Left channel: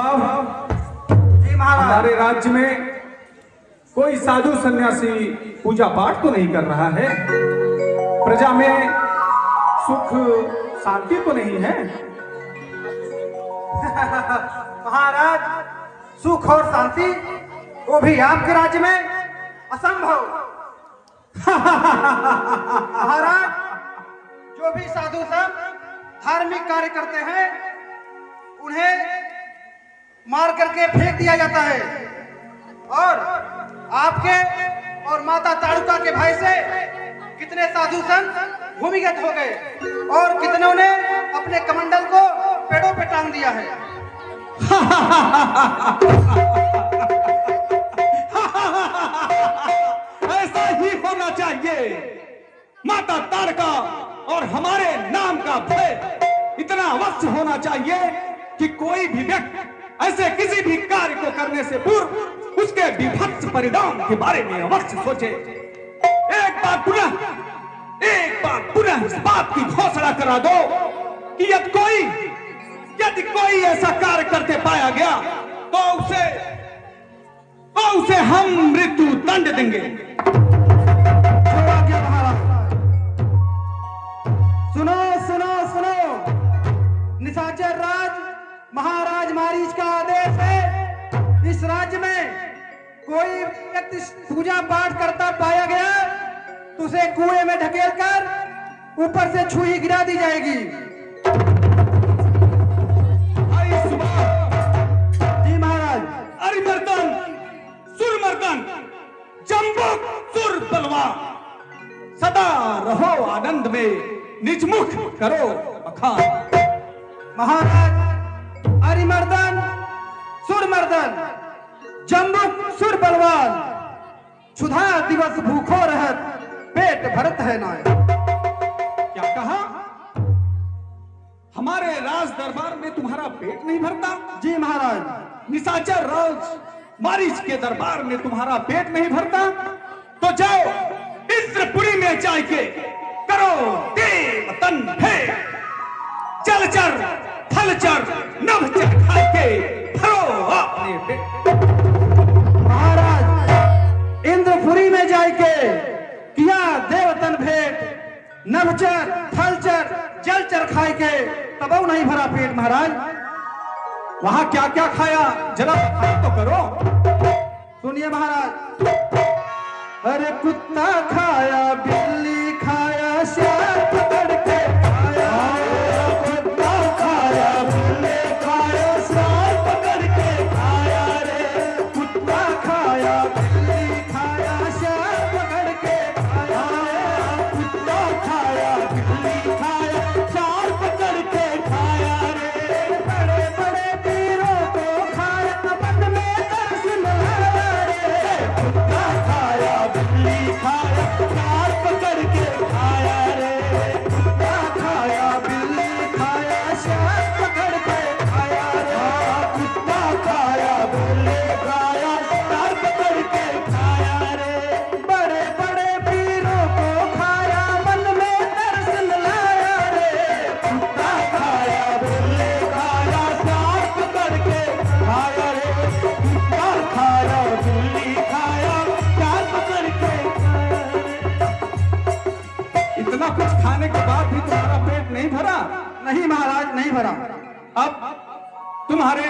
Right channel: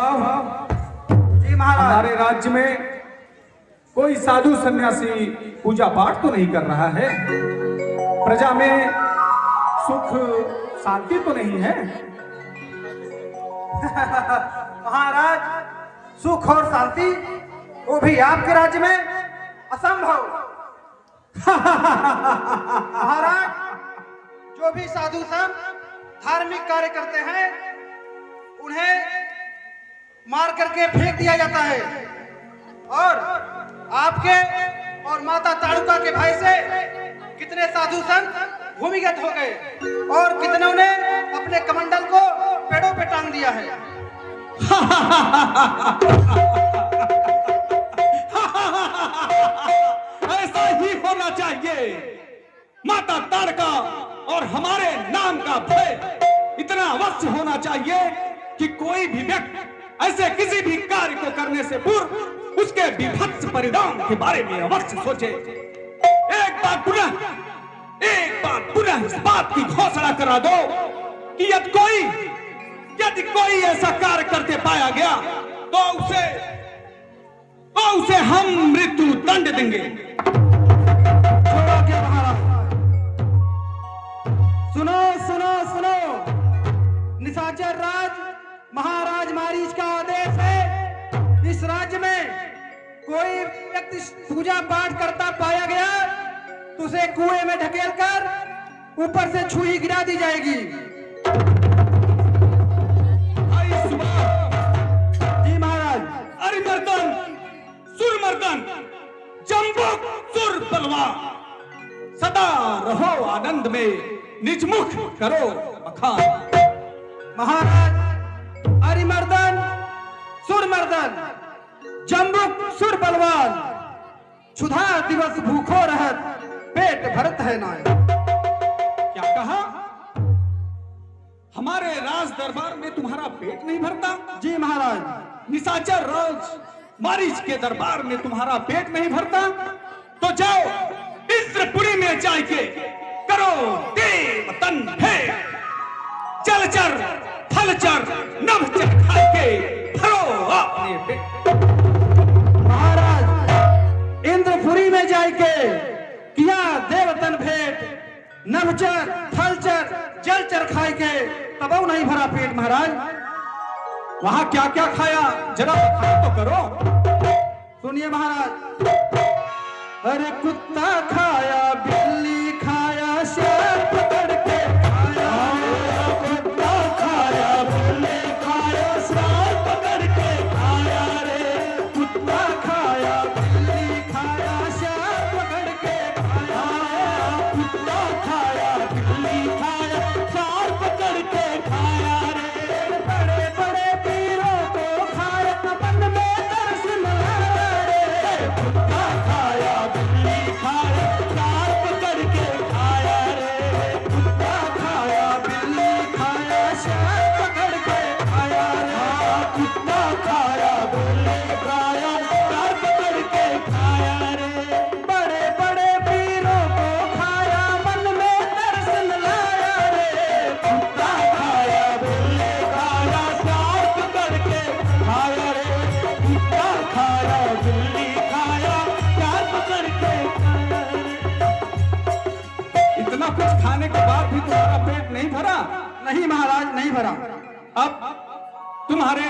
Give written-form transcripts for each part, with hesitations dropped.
सुबाव, जी महाराज। हमारे राज्य में कोई साधु सन्यासी पूजा पाठ तो नहीं कर रहा है? प्रजा में सुख शांति तो नहीं है? महाराज, सुख और शांति वो भी आपके राज्य में असंभव। महाराज, जो भी साधु संत धार्मिक कार्य करते हैं उन्हें मार करके फेंक दिया जाता है, और आपके और माता ताड़ुका के भय से कितने साधु संत भूमिगत हो गए और कितनों ने अपने कमंडल को पेड़ों पे टांग दिया है। ऐसा ही होना चाहिए। माता ताड़का और हमारे नाम का भय इतना अवश्य होना चाहिए कि कोई भी व्यक्ति ऐसे किसी भी कार्य को करने से पूर्व उसके विभत्स परिणाम के बारे में अवश्य सोचे। एक बार पुनः इस बात की घोषणा करा दो कि यदि कोई ऐसा कार्य करके पाया गया तो उसे हम मृत्यु दंड देंगे। सुनो सुनो सुनो, निशाचर राज महाराज मारीच का आदेश है, इस राज्य में कोई व्यक्ति पूजा पाठ करता पाया गया तो उसे कुएं में ढकेल कर ऊपर से छुरी गिरा दी जाएगी। जी महाराज। अरिमर्दन, सुरमर्दन, जम्बुक, सुर बलवान, सदा रहो आनंद में, निजमुख करो बखान। महाराज, अरिमर्दन, सुरमर्दन, जम्बुक, सुर बलवान, क्षुधा दिवस भूखो रहत, पेट भरत है नाय। क्या कहा? हमारे राज दरबार में तुम्हारा पेट नहीं भरता? जी महाराज। निशाचर राज मारीच के दरबार में तुम्हारा पेट नहीं भरता? तो जाओ इंद्रपुरी में जाके करो देव तन भेद, जलचर थलचर नभचर खाके भरो अपने पेट। महाराज, इंद्रपुरी में जाके किया देवतन भेंट, नभचर थलचर जलचर खाए के तब नहीं भरा पेट। महाराज, वहां क्या क्या खाया जरा बताओ तो करो। सुनिए महाराज। अरे कुत्ता खाया, बिल्ली खाया, शेर पकड़ के खाया, कुत्ता खाया, बिल्ली खाया, शेर पकड़ के खाया रे, कुत्ता खाया, बिल्ली खाया, शेर पकड़ के खाया, कुत्ता खाया, बिल्ली खाया, शेर पकड़ के खाया रे, बड़े बड़े वीरों को खाया, मन में दर्शन आया रे, कुत्ता खाया, बिल्ली खाया, शेर पकड़ के खाया रे, कुत्ता खाया, बिल्ली खाया, शेर पकड़ के खाया रे, कुत्ता खाया, बिल्ली खाया, शेर पकड़ के खाया रे, बड़े बड़े वीरों को खाया, मन में दर्शन लाया रे, कुत्ता खाया, बिल्ली खाया, शेर पकड़ के खाया रे, कुत्ता खाया, बिल्ली खाया, शेर पकड़ के खाया रे। इतना कुछ खाने के बाद भी तुम्हारा पेट नहीं भरा? नहीं महाराज, नहीं भरा। अब तुम्हारे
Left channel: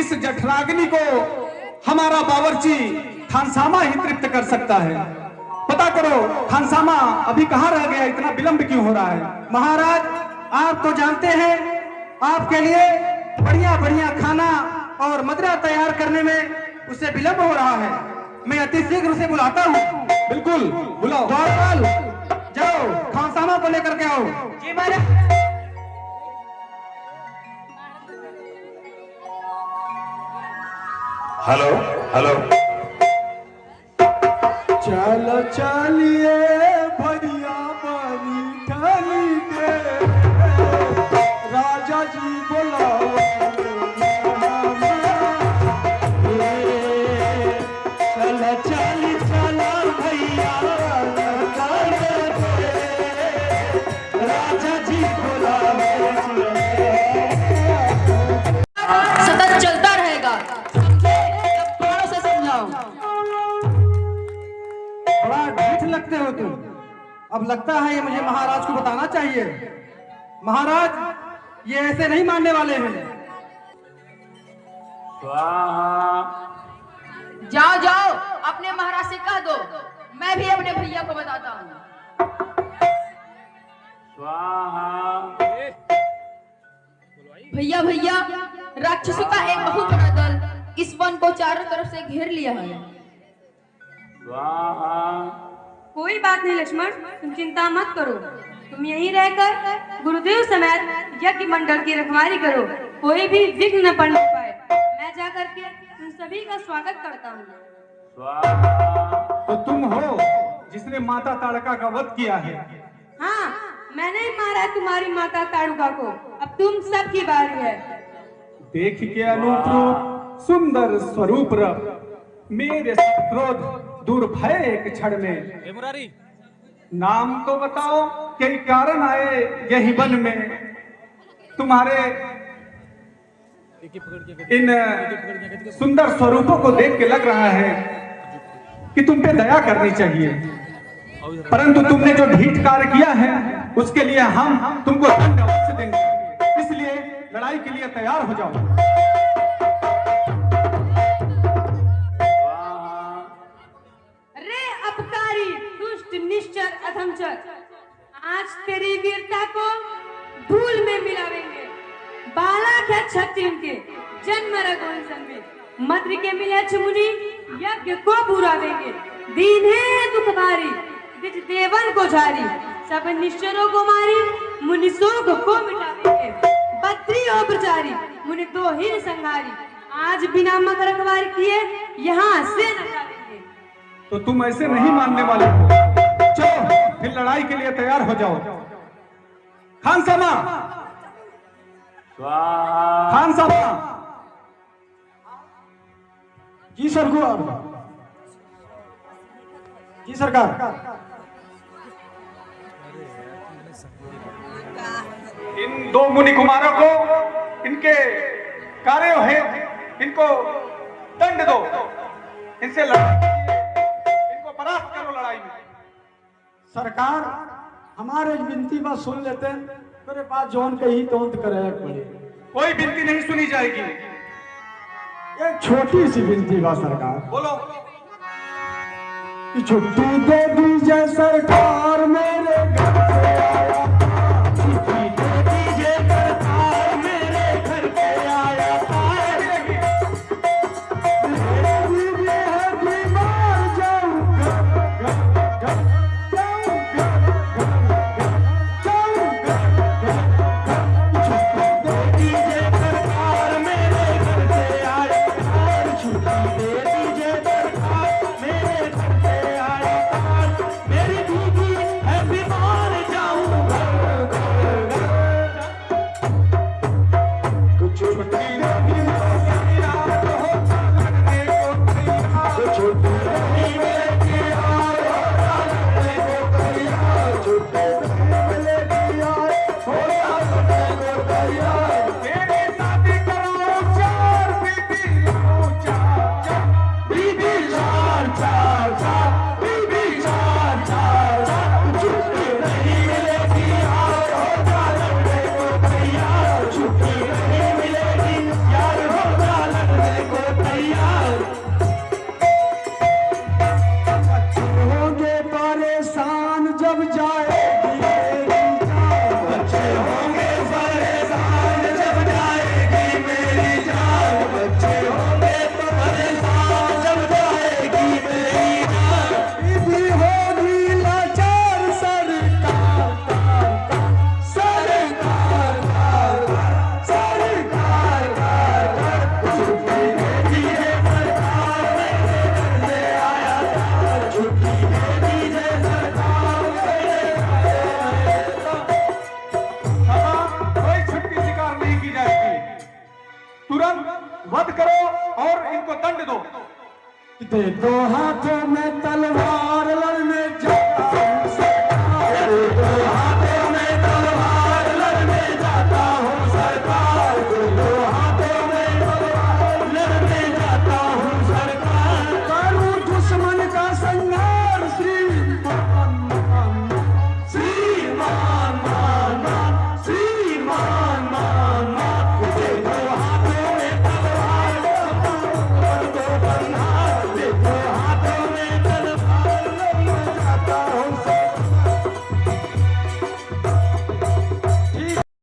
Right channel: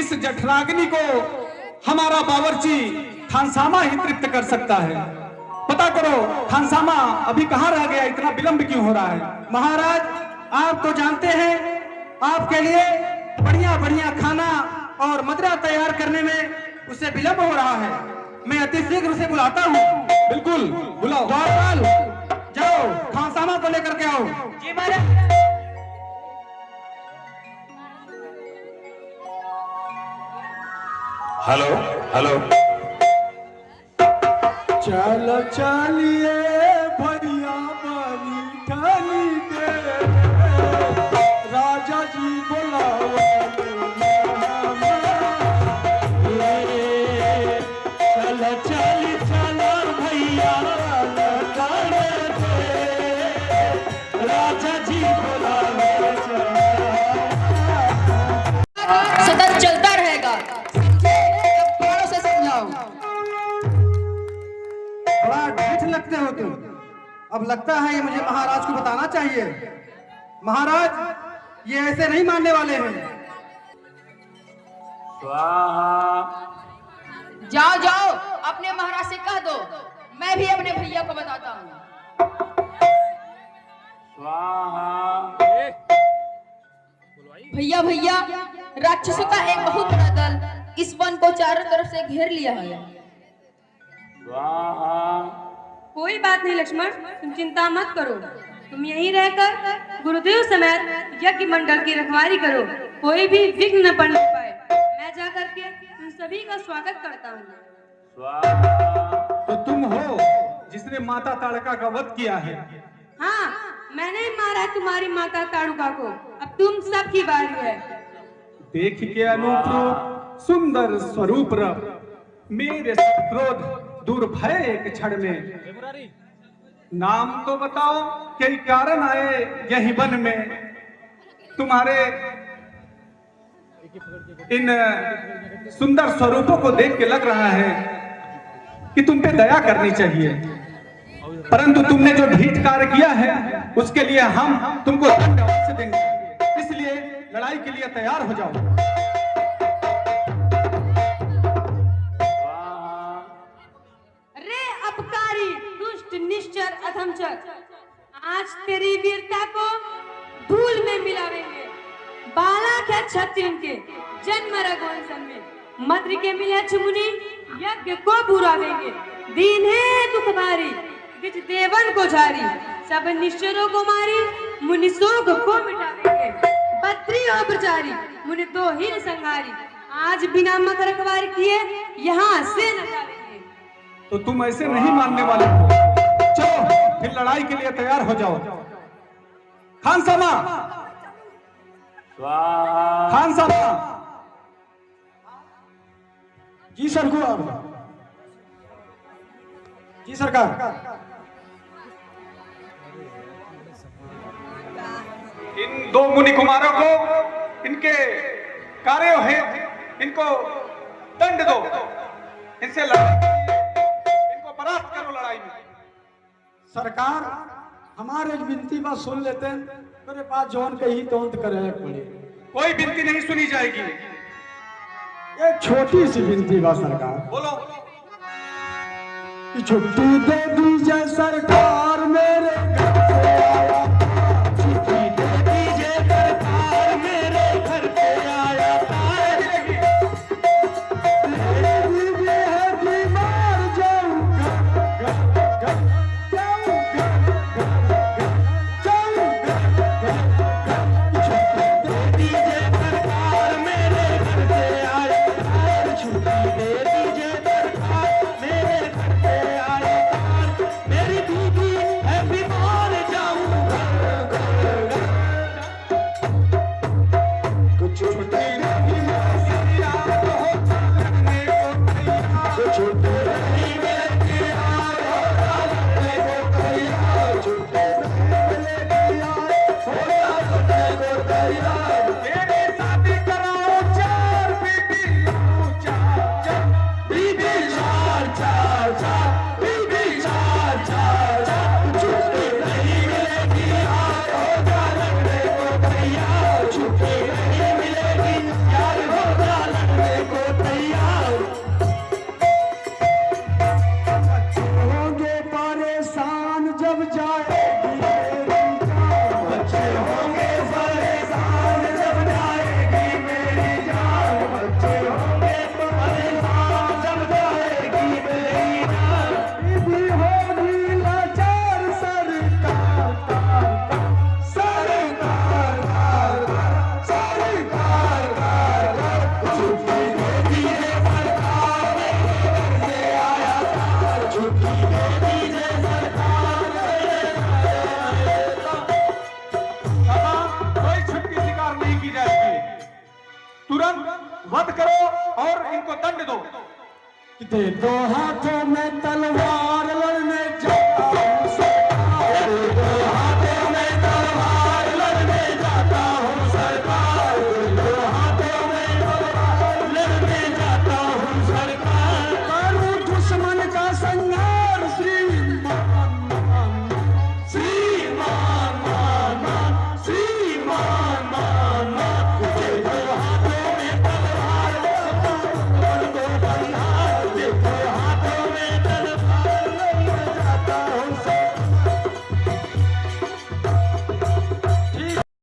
इस जठराग्नि को हमारा बावर्ची खानसामा ही तृप्त कर सकता है। पता करो खानसामा अभी कहाँ रह गया, इतना विलंब क्यों हो रहा है? महाराज, आप तो जानते हैं आपके लिए बढ़िया बढ़िया खाना और मदिरा तैयार करने में उसे विलंब हो रहा है। मैं अति शीघ्र उसे बुलाता हूँ। बिल्कुल बुलाओ। द्वारपाल, जाओ खानसामा को लेकर के आओ। जी महाराज। Hello hello. चलो चलिए भैया मारी ठानी के, राजा जी बोलाओ चलो चली चलो भैया राजा जी बोलाओ। सतत चलता अब लगता है ये मुझे महाराज को बताना चाहिए। महाराज, ये ऐसे नहीं मानने वाले हैं। जाओ जाओ, अपने महाराज से कह दो, मैं भी अपने भैया को बताता हूँ। भैया भैया, राक्षसों का एक बहुत बड़ा दल इस वन को चारों तरफ से घेर लिया है। कोई बात नहीं लक्ष्मण, तुम चिंता मत करो। तुम यहीं रहकर गुरुदेव समेत यज्ञ मंडल की रखवाली करो, कोई भी विघ्न न पड़ने पाए। मैं जाकर के तुम सभी का स्वागत करता हूँ। तो तुम हो जिसने माता ताड़का का वध किया है? हाँ, मैंने ही मारा है तुम्हारी माता ताड़का को। अब तुम सबकी बारी है। देख के अनूप रूप सुंदर स्वरूप मेरे क्रोध दूर भय एक क्षण में। नाम तो बताओ, कई कारण आए यही वन में। तुम्हारे इन सुंदर स्वरूपों को देख के लग रहा है कि तुम पे दया करनी चाहिए, परंतु तुमने जो ढीठ कार्य किया है उसके लिए हम तुमको दंड अवश्य देंगे। इसलिए लड़ाई के लिए तैयार हो जाओ। रे अपकारी, दुष्ट, निश्चर, अधमचर, आज तेरी वीरता को धूल में मिलावेंगे। बालक है क्षत्रिय के जन्म रघुवंश में, मद्र के मिले चुमुनी यज्ञ को बुरा देंगे। दीन है दुख भारी, निज देवन को झारी, सब निश्चरों को मारी, मुनि सोग को मिटा देंगे। बद्री और प्रचारी, मुनि दो हीन संहारी, आज बिना मत रखवार किए यहाँ से न जाएंगे। तो तुम ऐसे नहीं मानने वाले हो। चलो फिर लड़ाई के लिए तैयार हो जाओ। खान साहब, खान साहब। जी सरकार। जी सरकार। इन दो मुनि कुमारों को इनके कार्यों है, इनको दंड दो। इनसे लड़ाई, इनको परास्त करो लड़ाई में। सरकार, हमारे विनती बात सुन लेते हैं। मेरे पास जौन कही तो करे पड़े। कोई विनती नहीं सुनी जाएगी। एक छोटी सी विनती बा सरकार। बोलो। कि छुट्टी दे दीजिए सरकार, मेरे घर से आया था। छुट्टी दे दीजिए सरकार, मेरे घर से आया था। मेरे बीवी है बीमार, जाऊंगा छुट्टी दे दीजिए सरकार, मेरे घर से आया था। छुट्टी दे दीजिए सरकार, मेरे घर से आया था। मेरी बीवी है बीमार, जाऊंगा कुछ छुट्टी नहीं कुछ छुट्टी नहीं मिलेगी यार, छुट्टी नहीं मिलेगी यार, होता लगने को तैयार। मेरी शादी कराओ, चार बीबी लाओ, चार चार बीबी, चार चार चार बीबी, चार चार चार। छुट्टी नहीं मिलेगी यार, होता लगने को तैयार। छुट्टी नहीं मिलेगी यार, होता लगने को तैयार। बच्चे होंगे परेशान जब जाएगी मेरी जान। बच्चे होंगे परेशान जब जाएगी मेरी जान। बच्चे होंगे परेशान जब जाएगी मेरी जान। बीबी होगी लाचार, सरकार कार कार, सरकार कार कार, सरकार कार कार। छुट्टी दे दीजिए सरकार, मेरे घर से आया था। छुट्टी दे दीजिए सरकार, मेरे घर से आया था। कोई छुट्टी स्वीकार नहीं की जाएगी। तुरंत वध करो और इनको दंड दो। दे दो हाथों में तलवार, लड़ने जा